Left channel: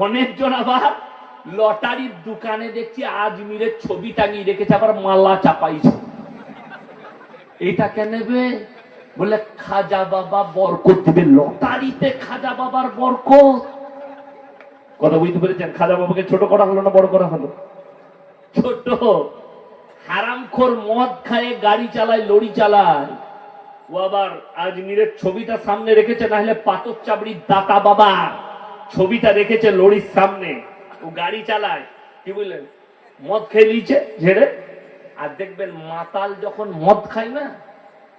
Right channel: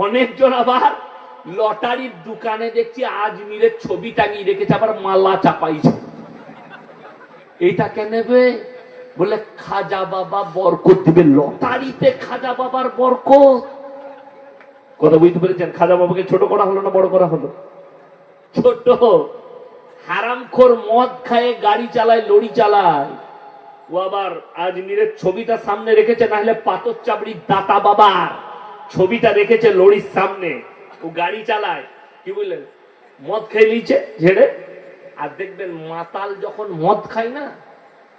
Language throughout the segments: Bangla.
অনেকজন আবার লটারির দোকানে দেখছি আজমিরের ছবি টাঙিয়ে রেখেছে, আবার মালা চাপাইছে। এটা কে নেবে? বলে, খাজা বাবা বরকত দিবে। লটারিতে খাজা বাবার বরকত। কথা বুঝতে পেরেছেন? খাজা বাবাকে ছোট করা হলো না বড় করা হলো? ছোট। হারামখোর মদ খায়, গাড়ি চালায় লড়ি চালায়। ও আবার আজমিরের ছবিটা সামনে রেখেছে না হলে পাথর চাবড়ির দাতা বাবা। ছবিটা রেখেছে লড়ির সামনে। ও গাড়ি চালায়। কি বুঝলেন মদ খেয়ে নিচ্ছে ঝেড়ে। আর দেখবেন মাতাল যখন মদ খায় না,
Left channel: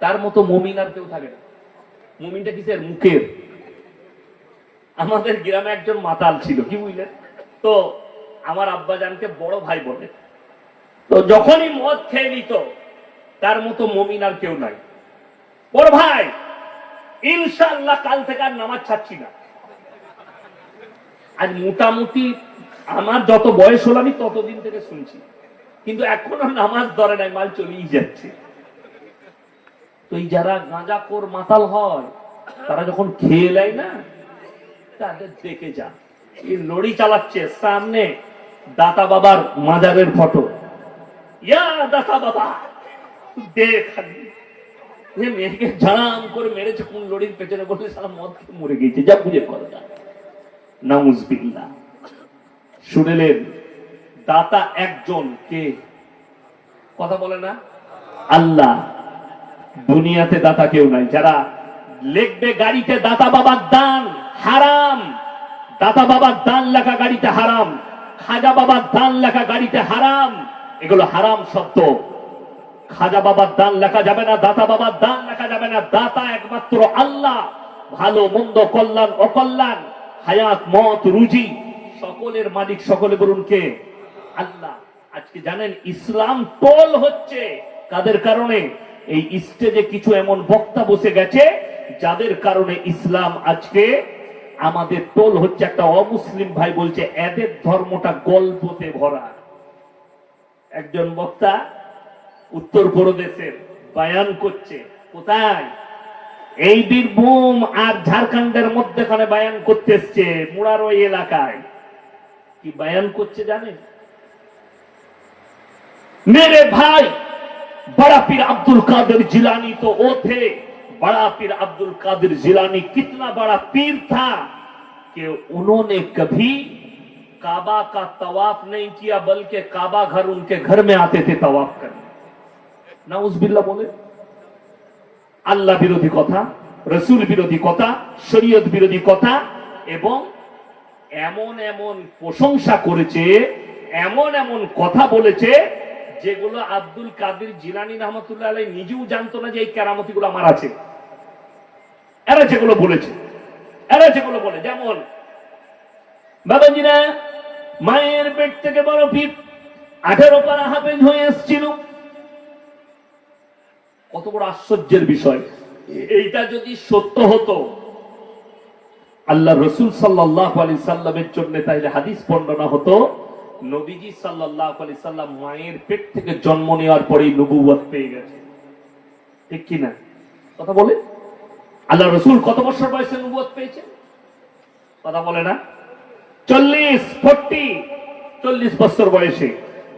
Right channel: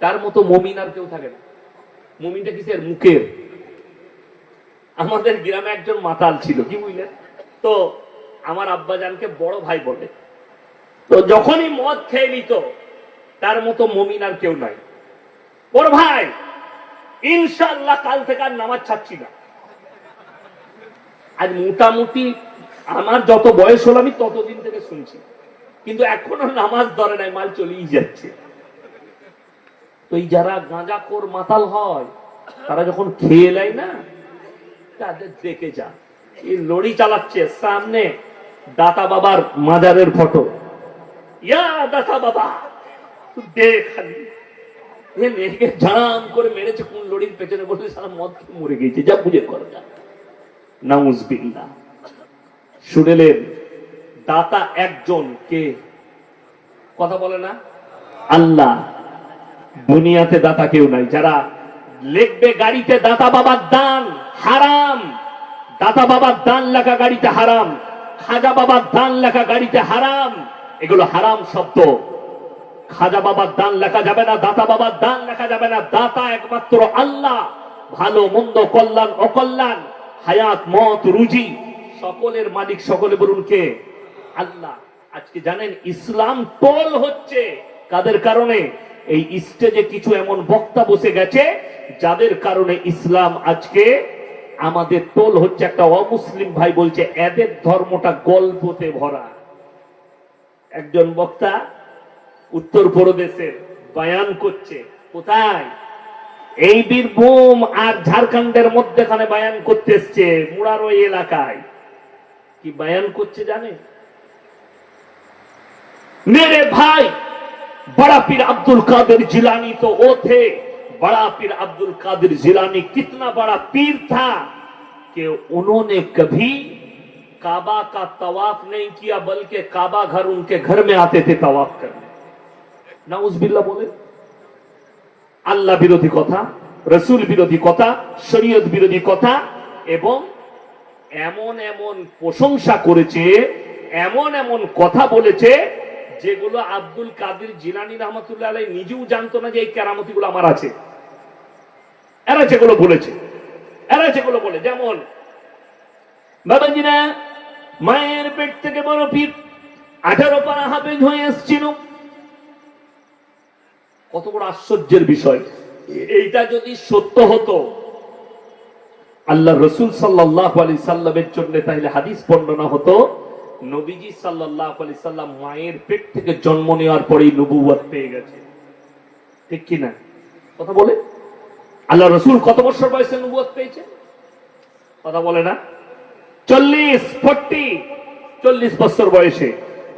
তার মতো মমিন আর কেউ থাকে না। মমিনটা কিসের? মুখের। আমাদের গ্রামে একজন মাতাল ছিল, কি বুঝলেন? তো আমার আব্বাজানকে বড় ভাই বলে। তো যখনই মদ খেয়ে নিত, তার মতো মমিন আর কেউ নাই। বড় ভাই ইনশাল্লাহ কাল থেকে আর নামাজ ছাড়ছি না। আজ মোটামুটি আমার যত বয়স হলো আমি ততদিন থেকে শুনছি। কিন্তু এখনও নামাজ ধরে নাই, মাল চলেই যাচ্ছে। তো এই যারা গাঁজাখোর মাতাল হয়, তারা যখন খেয়ে নেয় না, তাদের দেখে যান এই লড়ি চালাচ্ছে সামনে দাতা বাবার মাজারের ফটো। ইয়া দাতা বাবা দেখ খালি। এ মেয়েকে ঝাড়াম করে মেরেছে কোন লড়ির পেছনে বললে সারা মদ মরে গেছে, যা বুঝে কর শুনেলেন, দাতা একজন কে কথা বলে না? আল্লাহ, দুনিয়াতে দাতা কেউ নাই। যারা গাড়িতে, দাতা বাবার দান হারাম। দাতা বাবার দান লেখা গাড়িতে হারাম। খাজা বাবার দান লেখা গাড়িতে হারাম। এগুলো হারাম শব্দ। খাজা বাবার দান লেখা যাবে না, দাতা বাবার দান লেখা যাবে না। দাতা একমাত্র আল্লাহ। ভালো, মন্দ, কল্যাণ, অকল্যাণ। হায়াত, মত, রুজি, সকলের মালিক, সকলে বলুন কে? আল্লাহ। আজকে জানেন, ইসলাম টোল হচ্ছে। কাদের কারণে? এই স্টেজে কিছু এমন বক্তা বসে গেছে, যাদের কারণে ইসলাম আজকে আমাদের টোল হচ্ছে। একটা অমুসলিম ভাই বলছে, এদের ধর্মটা গল্পতে ভরা। একজন বক্তা উত্তর প্রদেশের, বায়ান করছে, কোথায়? এই বীরভূম আর ঝাড়খণ্ডের মধ্যেখানে বায়ান করতে এসছে মুড়ার ওই এলাকায় কি বায়ান করছে জানেন मेरे भाई बड़ा पीर अब्दुल कादिर जिलानी तो वो थे बड़ा पीर अब्दुल कादिर जिलानी कितना बड़ा पीर था कि उन्होंने कभी काबा का तवाफ नहीं किया बल्कि काबा घर उनके घर में आते थे तवाफ करने না উজবিল্লা বলে আল্লাহ বিরোধী কথা, রসুল বিরোধী কথা, শরীয়ত বিরোধী কথা এবং এমন এমন প্রশংসা করেছে, এমন এমন কথা বলেছে যেগুলো আব্দুল কাদির জিলানি রহমতুল্লাহ আলাই নিজেও জানতো না যে এই কেরামতি গুলো আমার আছে। এরা যেগুলো বলেছে, এরা যেগুলো বলে, যেমন, বাবাজিরা মায়ের পেট থেকে বড় পীর আঠারো পারা হাফেজ হয়ে এসছিল। কত বড় আশ্চর্যের বিষয়। এইটা যদি সত্য হতো, আল্লাহ রসুল সাল্লাহ আলি সাল্লামের জন্য তাহলে হাদিস বর্ণনা হতো, নবীজি সাল্লাহ আলি সাল্লাম মায়ের পেট থেকে জন্ম নেওয়ার পরেই নবুয়াত পেয়ে গেছে। ঠিক কিনা? কথা বলে? আল্লাহ রসুল কত বছর বয়সে নবুয়াত পেয়েছে? কথা বলে না? চল্লিশ, ফোরটি, চল্লিশ বছর বয়সে,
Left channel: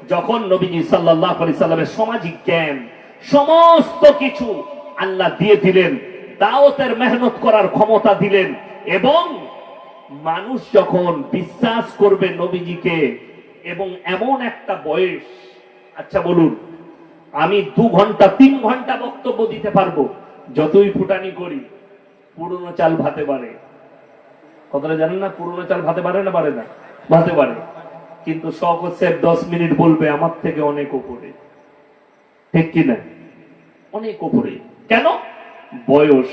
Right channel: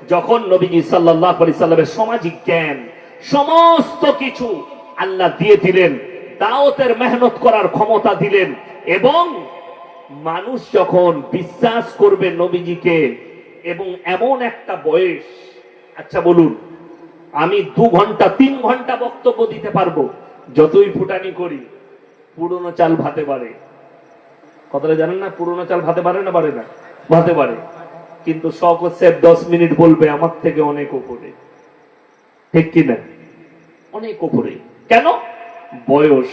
যখন নবীজি সাল্লাহ আলি সাল্লামের সামাজিক জ্ঞান সমস্ত কিছু আল্লাহ দিয়ে দিলেন, দাওয়াতের মেহনত করার ক্ষমতা দিলেন, এবং মানুষ যখন বিশ্বাস করবে নবীজিকে এবং এমন একটা বয়স আচ্ছা বলুন, আমি দু ঘণ্টা, তিন ঘণ্টা বক্তব্য দিতে পারব, যতই ফুটানি করি, পুরনো চাল ভাতে পারে কথাটা জানেন না, পুরনো চাল ভাতে পারে না পারে না? ভাতে পারে কিন্তু শখ হচ্ছে দশ মিনিট বলবে, আমার থেকে অনেক উপরে ঠিক কিনা? অনেক উপরে। কেন? বয়স।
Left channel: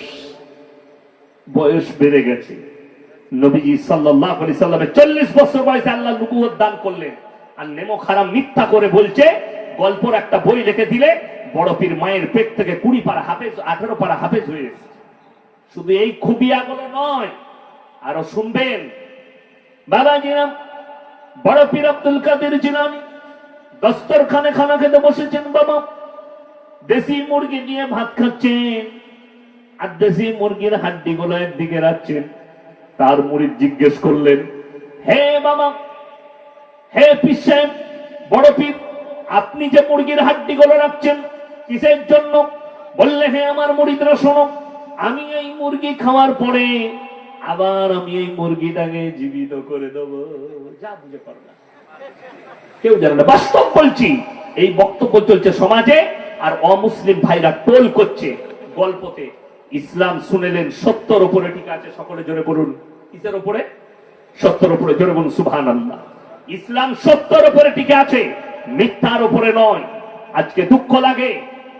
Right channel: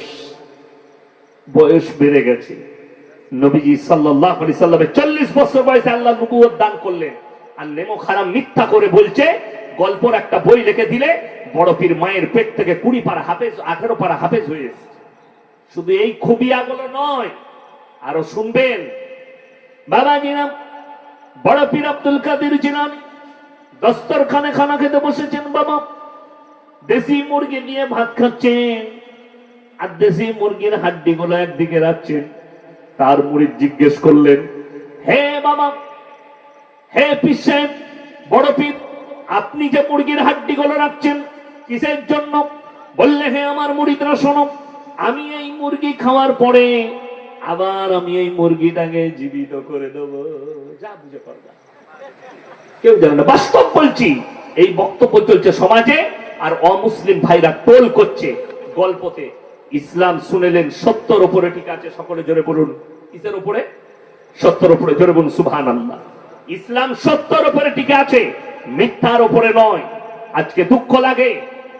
বয়স বেড়ে গেছে। নবীজি সাল্লাহ আলি সাল্লামের চল্লিশ বছর বয়সে আল্লাহ নবুয়ত দান করলেন। আর নেমো খারাপ মিথ্যা করে বলছে, গল্পর একটা বই লিখে দিলে বড় পীর মায়ের পেট থেকে কুড়ি পারা হাফেজ, আঠারো পারা হাফেজ হয়ে শুধু এই খুবিয়াগুলো নয়, আরও শুনবেন। বাবা জিনাম বড় পীর আব্দুল কাদের জিনাম দস্তরখানে খানা খেতে বসেছেন বাবা। দেশি মুরগি দিয়ে ভাত খাচ্ছেন। আর দেশি মুরগির হাড্ডি গুলো একদিকে রাখছেন। তার মুড়ি জিজ্ঞেস করলেন, হে মামা, হে সাহেব বড় পীর, আপনি যে মুরগির হাড্ডি গুলো রাখছেন, কিসের জন্য? বললে, হে আমার মুড়িদরা শোনো, আমি এই মুরগি খাওয়ার পরে আবার আমি এই মুরগিটাকে জীবিত করে দেবো। যা বুঝে পারবা কেউ জানে না। বাস্তব বলছি, এই বক্তব্য চলছে সমাজে আর অমুসলিম ভাইরা টোল করছে গল্পতে। ইসলাম শুনেলেন, সত্যর উপরে ঠিক আছে, সকলে জোরে পড়ুন কিসের উপরে? সত্যর উপরে জোরে বলুন সুবহান আল্লাহ ইসলাম সত্যর উপরে টিকে আছে, মিথ্যার উপরে নয়। আজকে দুঃখ লাগে,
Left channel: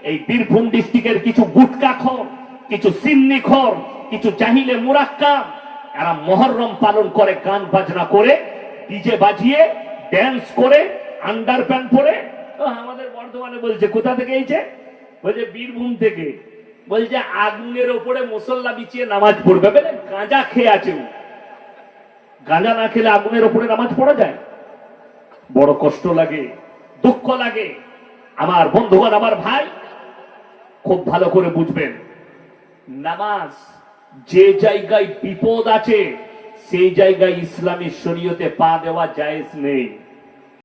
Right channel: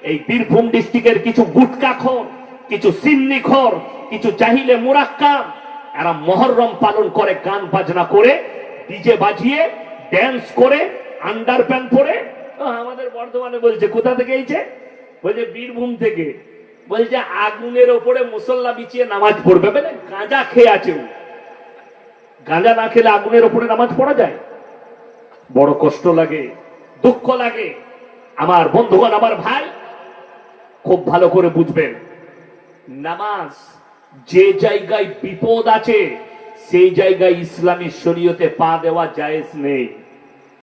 এই বীরভূম ডিস্ট্রিক্টের কিছু গুটকা খর, কিছু সিন্নি খর, কিছু চাহিলে মুরাক্কা, এরা মহরম পালন করে, গান বাজনা করে, ডিজে বাজিয়ে ড্যান্স করে আন্ডার প্যান্ট পরে আমাদের বর্ধমানে বলছে, কোথা থেকে এইছে বলছে, বীরভূম থেকে। বলছে, আগুনের ওপরে মুসল্লা বিছিয়ে নামাজ পড়বে। বলে, গাঁজা খেয়ে আছেন গাঁজা না খেলে আগুনের ওপরে নামাজ পড়া যায়? বড় কষ্ট লাগে, দুঃখ লাগে। আমার বন্ধুগণ, আমার ভাই, খুব ভালো করে বুঝবেন। নামাজ যে জায়গায় বিপদ আছে, সেই জায়গায় ইসলামী শরীয়তে পা দেওয়া জায়েজ নেই।